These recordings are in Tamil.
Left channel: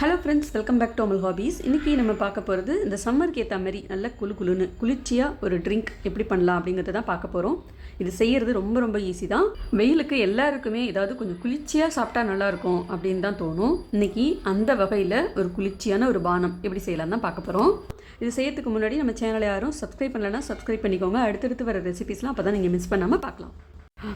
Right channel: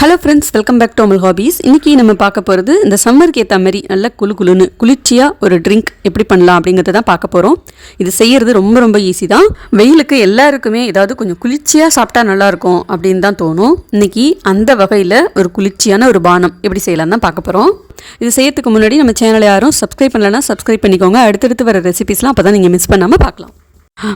Hello friends, welcome back to Amal hobbies. இன்றைக்கி நம்ம பார்க்க போகிறது இந்த சம்மருக்கு ஏற்ற மாதிரி நல்ல குளுன்னு குளிர்ச்சியாக ஒரு ட்ரிங்க் எப்படி பண்ணலாம் அப்படிங்கிறத தான் பார்க்க போகிறோம். இது செய்கிறது ரொம்ப ரொம்ப ஈஸி தான். வெயிலுக்கு எல்லாருக்குமே ஏதாவது கொஞ்சம் குளிர்ச்சியாக சாப்பிட்டா நல்லாயிருக்கும் அப்படின்னு தான் தோணும். இன்றைக்கி அந்த வகையில் ஒரு குளிர்ச்சியான ஒரு பானம் எப்படி செய்யலாம் தான் பார்க்க போகிறோம். இது செய்யறதுக்கு முன்னாடி நம்ம சேனலை யாரும் சப்ஸ்கிரைப் பண்ணலன்னா சப்ஸ்கிரைப் பண்ணிக்கோங்க. அடுத்தடுத்து வர ரெசிபிஸ்லாம் அப்போ தான் நீங்கள் மிஸ் பண்ணாமல் பார்க்கலாம்.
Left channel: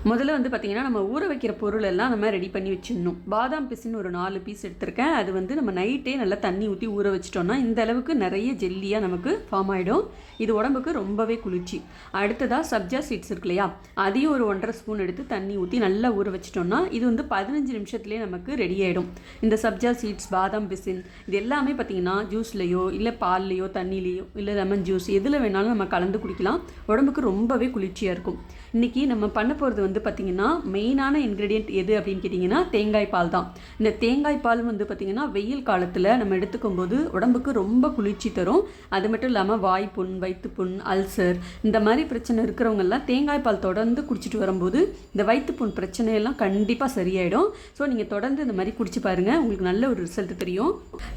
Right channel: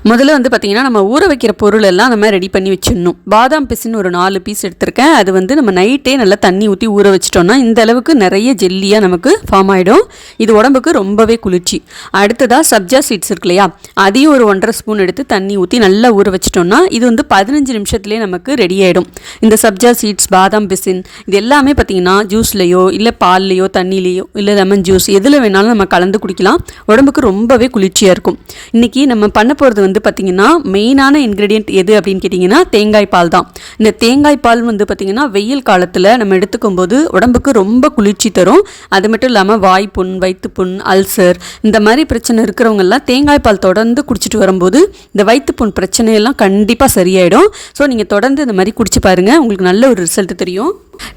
முதல்ல பார்த்திங்கன்னா நம்ம ஊற வைக்கிற பொருள் எல்லாம் நம்ம ரெடி பண்ணி வச்சிடணும். பாதாம் பிசின்னு ஒரு 4 பீஸ் எடுத்திருக்கேன். அது நம்ம நைட்டே நல்லா தண்ணி ஊற்றி ஊற வச்சிட்டோம்னா இந்த அளவுக்கு நிறைய ஜெல்லியாக நமக்கு ஃபார்ம் ஆகிடும். இது உடம்புக்கு ரொம்பவே குளிர்ச்சி. அடுத்ததாக சப்ஜா சீட்ஸ் இருக்கு இல்லையா, அதையும் ஒரு 1.5 ஸ்பூன் எடுத்து தண்ணி ஊற்றி நல்லா ஊற வச்சிட்டோம்னா இது 15 நிமிஷத்துலேயே நமக்கு ரெடி ஆகிடும். இந்த சப்ஜா சீட்ஸ், பாதாம் பிசின் இது எல்லாமே பார்த்திங்கன்னா ஜூஸ்லையோ இல்லை பால்லையோ தண்ணிலேயோ இல்லை லெமன் ஜூஸ் எதில் வேணாலும் நம்ம கலந்து குடிக்கலாம். உடம்புக்கு ரொம்பவே குளிர்ச்சியாக இருக்கும். இன்றைக்கி நம்ம பண்ண போகிறது பார்த்திங்கன்னா மெயினான இன்க்ரீடியன்ட் எது அப்படின்னு கேட்டிங்கன்னா தேங்காய் பால் தான். இந்த தேங்காய் பால் பார்த்திங்கன்னா வெயில் காலத்தில் நம்ம எடுத்துக்கும் போது உடம்புக்கு ரொம்ப குளிர்ச்சி தரும். அது மட்டும் இல்லாமல் வாய்ப்புண், வயிற்றுப்புண், அல்சர் இந்த மாதிரி பிரச்சனை இருக்கிறவங்கெல்லாம் தேங்காய் பால் தொடர்ந்து குடிச்சிட்டு வரும்போது இந்த வயிற்றுப்புண் பிரச்சனையெல்லாம் கண்டிப்பாக சரியாயிடும். ஸோ நீங்கள் தொடர்ந்து இந்த மாதிரி குடிச்சு பாருங்கள், உங்களுக்கு நல்ல ஒரு ரிசல்ட் தெரியும்.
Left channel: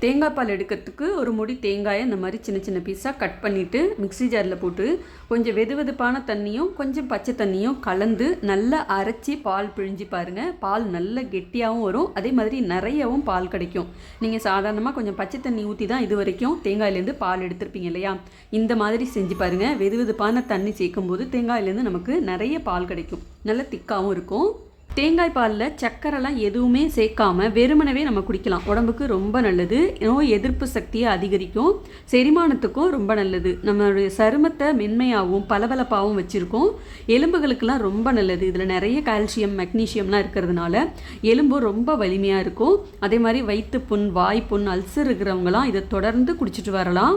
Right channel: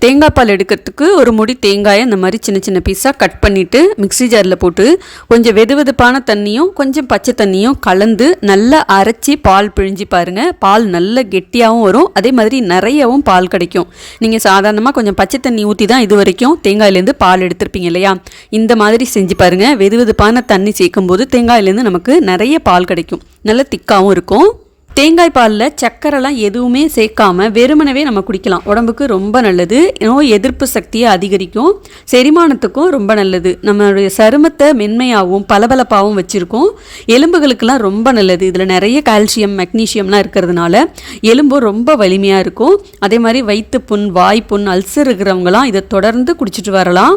தேங்காய் பால் எடுக்கிறதுக்கு ஒரு முடி தேங்காயை இந்த மாதிரி சின்ன சின்ன பீஸாக கட் பண்ணிவிட்டு மிக்ஸி ஜாரில் போட்டு கொஞ்சம் வெதுவெதுப்பான தண்ணியும் கொஞ்சம் பச்சை தண்ணியும் கலந்து நல்லா அரைச்சி பால் பிழிஞ்சு பாருங்கள். பால் நல்ல கெட்டியாகவும் வரும், அதே மாதிரி நிறையவும் பால் கிடைக்கும். நீங்கள் சாதாரணமாக கொஞ்சம் பச்சை தண்ணி ஊற்றி தான் இது வரைக்கும் தேங்காயிலேருந்து பால் எடுத்திருப்பீங்க இல்லையா, இந்த மாதிரி செஞ்சு பாருங்கள். வெதுவெதுப்பான தண்ணி சேர்க்கும் போது தேங்காயிலேருந்து நமக்கு நிறைய பால் கிடைக்கும், நல்ல திக்காகவும் இருக்கும். தேங்காய் பாலில் சக்கரைலாம் எதுவுமே சேர்க்காம வெறுமனவே நம்ம குடிக்கலாம். உடம்புக்கு ரொம்ப நல்லது, நோய் எதிர்ப்பு சக்தியை அதிகரிக்கும், செரிமானத்துக்கும் ரொம்ப நல்லது, நம்மளுடைய சருமத்தை மென்மையாகவும் பளபளப்பாகவும் வச்சுருக்கோம். எலும்புகளுக்கெல்லாம் ரொம்ப நல்லது. இதில் நிறைய கால்சியம், மெக்னீஷியம்லாம் இருக்கிறதுனால எலும்பும் ரொம்ப வலிமையாக இருக்கும். அதே மாதிரி வயிற்றுப்புண், வாய்ப்புண், அல்சர் இருக்கிறவங்களாம் இதை தொடர்ந்து குடிச்சிட்டு வரலாம்.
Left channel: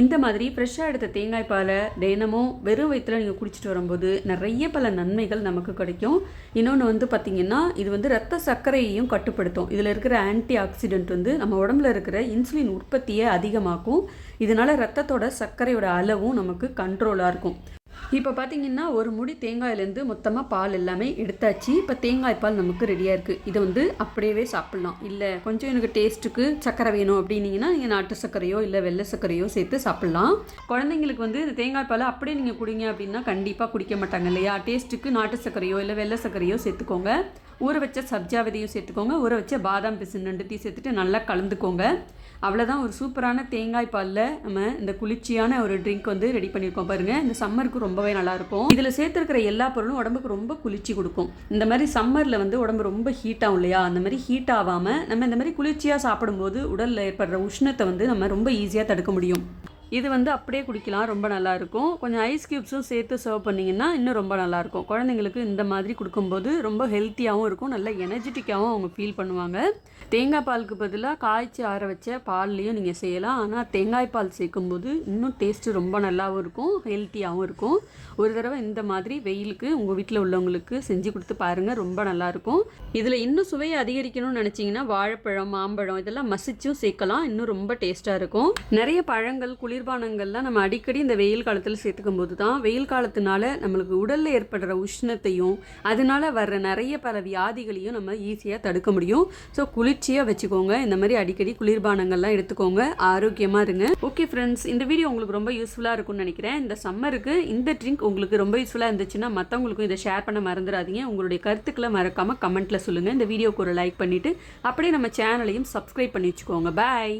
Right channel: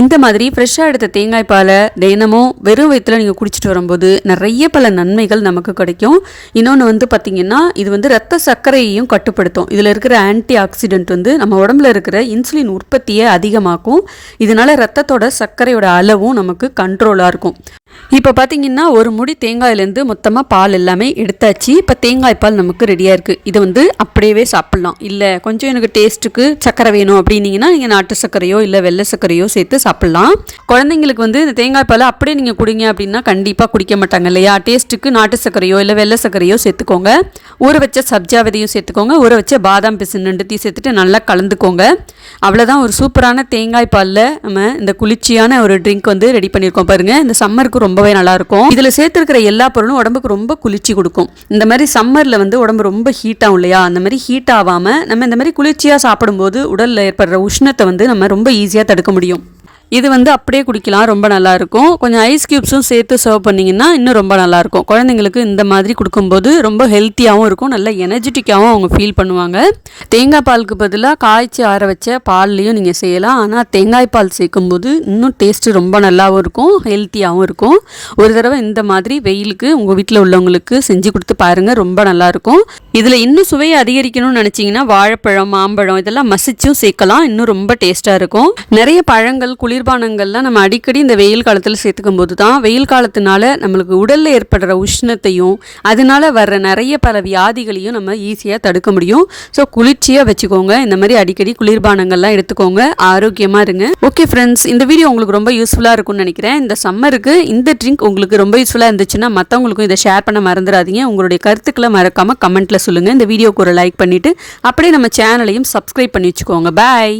இந்த மாதிரி ஃப்ரெஷ்ஷாக எடுத்த தேங்காய் பாலை தினமும் வெறும் வயிற்றில் நீங்கள் குடிச்சிட்டு வரும்போது நிறைய பல நன்மைகள் நமக்கு கிடைக்கும். இன்னொன்று பார்த்திங்கன்னா இது ரத்த சர்க்கரையையும் கட்டுப்படுத்தும். இதில் இருக்கிற ஆன்டி ஆக்சிடென்ட் நம்ம உடம்புல இருக்கிற இன்சுலின் உற்பத்தியை அதிகமாக்கும். இதனால் ரத்தத்தோட சர்க்கரையோட அளவும் நமக்கு கண்ட்ரோலாக இருக்கும். இப்போ பார்த்திங்கன்னா ஒரு முடி தேங்காயிலேருந்து மொத்தமாக பால் எல்லாமே எடுத்தாச்சு. இப்போ தேங்காய் பால் நமக்கு ரெடியாக இருக்குது. இதை அப்படியே சாப்பிட்லாம். இல்லை கொஞ்சம் எனக்கு டேஸ்ட்டுக்கு சர்க்கரை வேணும் அப்படின்னீங்கன்னா நீங்கள் நாட்டு சர்க்கரையோ இல்லை வெள்ளை சர்க்கரையோ சேர்த்து சாப்பிட்லாம். குழந்தைங்களுக்கு இந்த தேங்காய் பாலை அப்படியே நீங்கள் குடிங்க அப்படின்னா கண்டிப்பாக குடிக்க மாட்டாங்க இல்லையா. டேஸ்ட்டுக்கு நாட்டு சர்க்கரையோ இல்லை வெள்ளை சர்க்கரையோ சேர்த்துக்கோங்க. ஊற வச்ச சப்ஜா விதையும் சேர்த்துக்கோங்க. ஊற வச்ச பாதாம் பிசின் 2 சேர்த்துட்டு நல்லா கலந்துக்கோங்க. அவ்வளோதான், ஒரு சூப்பரான தேங்காய் பாலில் நம்ம இந்த குளிர்ச்சியான ஒரு ட்ரிங்க் ரெடி பண்ணியிருக்கோம் பாருங்கள். இந்த சம்மருக்கு ரொம்பவே நல்லா இருக்கும். இதுல சேர்த்திருக்கிற எல்லா பொருளும் உடம்புக்கு ரொம்ப குளிர்ச்சி கொடுக்கும். இந்த மாதிரி சம்மர்ல உடம்பு ரொம்ப ஹீட் ஆகும் இல்லையா, அந்த மாதிரி ஹீட் ஆகாம நம்ம இந்த மாதிரி குளிர்ச்சியா சாப்பிடும்போது உடல்ல ஏற்படுற உஷ்ணத்தை நம்ம ரொம்ப ஈஸியா தடுக்க முடியும். இது அப்படியே குடிக்கலாம், ரொம்ப நல்லாயிருக்கும். கொஞ்சம் ஐஸ் க்யூப்ஸும் சேர்த்து சர்வ் பண்ணிங்கன்னா இன்னும் ரொம்ப நல்லாயிருக்கும். குழந்தைங்களுக்கு இந்த மாதிரி கொடுக்கும்போது ரொம்ப ஹெல்த்தியாகவும் இருக்கும், நல்ல எனர்ஜெட்டிக்காகவும் அவங்க ஃபீல் பண்ணுவாங்க. தேங்காய் பாலுக்கு பதிலாக காய்ச்சி ஆற வச்ச பால்லையும் நீங்கள் செய்யலாம். ஆனால் தேங்காய் பால் சேர்க்கும்போது இன்னும் டேஸ்ட்டு ரொம்ப நல்லாவும் இருக்கும், ஹெல்த்தியாகவும் இருக்கும். ஒரு தடவை இந்த மாதிரி வெயிலுக்கு உங்கள் வீட்டில் உள்ளவங்களுக்கு செஞ்சு கொடுத்து பாருங்கள், ரொம்ப நல்லாயிருக்கும். இதில் இன்னும் சுவையை அதிகரிக்கணும்னு நினச்சிங்கன்னா வாழைப்பழம், மாம்பழம் இதெல்லாம் மசிச்சும் சேர்க்கலாம், இன்னும் ரொம்ப டேஸ்ட்டாக இருக்கும். நிறைய பழங்கள், குளிர்பானங்கள்லாம் நம்ம அடிக்கடி இந்த வெயில் காலத்தில் சேர்த்துக்கும் போது தான் வெயில் காலத்தினால நம்மளுக்கு உடலில் ஏற்படுற உஷ்ணத்தையும் அதனால வர்ற நிறைய பல வியாதிகளையும் நம்ம ஈஸியாக தடுக்க முடியும். ஸோ குளிர்ச்சியாக வச்சுக்கோங்க. இந்த மாதிரி அடிக்கடி குளிர்பானங்கள்லாம் எடுத்துக்கோங்க, ஆரோக்கியமாக இருங்க. ஓகே ஃப்ரெண்ட்ஸ், இந்த வீடியோ உங்களுக்கு ரொம்ப யூஸ்ஃபுல்லாக இருக்கும்னு நினைக்கிறேன். இந்த சம்மருக்கு இந்த ட்ரிங்க் உங்களுக்கு ரொம்ப யூஸ்ஃபுல்லாக இருந்துச்சுன்னா மற்றவங்களுக்கும் இதை ஷேர் பண்ண மறந்துடாதீங்க. உங்களுடைய கருத்துக்களை மறக்காமல் கமெண்ட்டில் சொல்லுங்கள். இந்த வீடியோக்கு ஒரு லைக் பண்ணிவிட்டு அப்படியே நம்ம சேனலையும் சப்ஸ்கிரைப் பண்ணி வச்சுக்கோங்க. பாய்.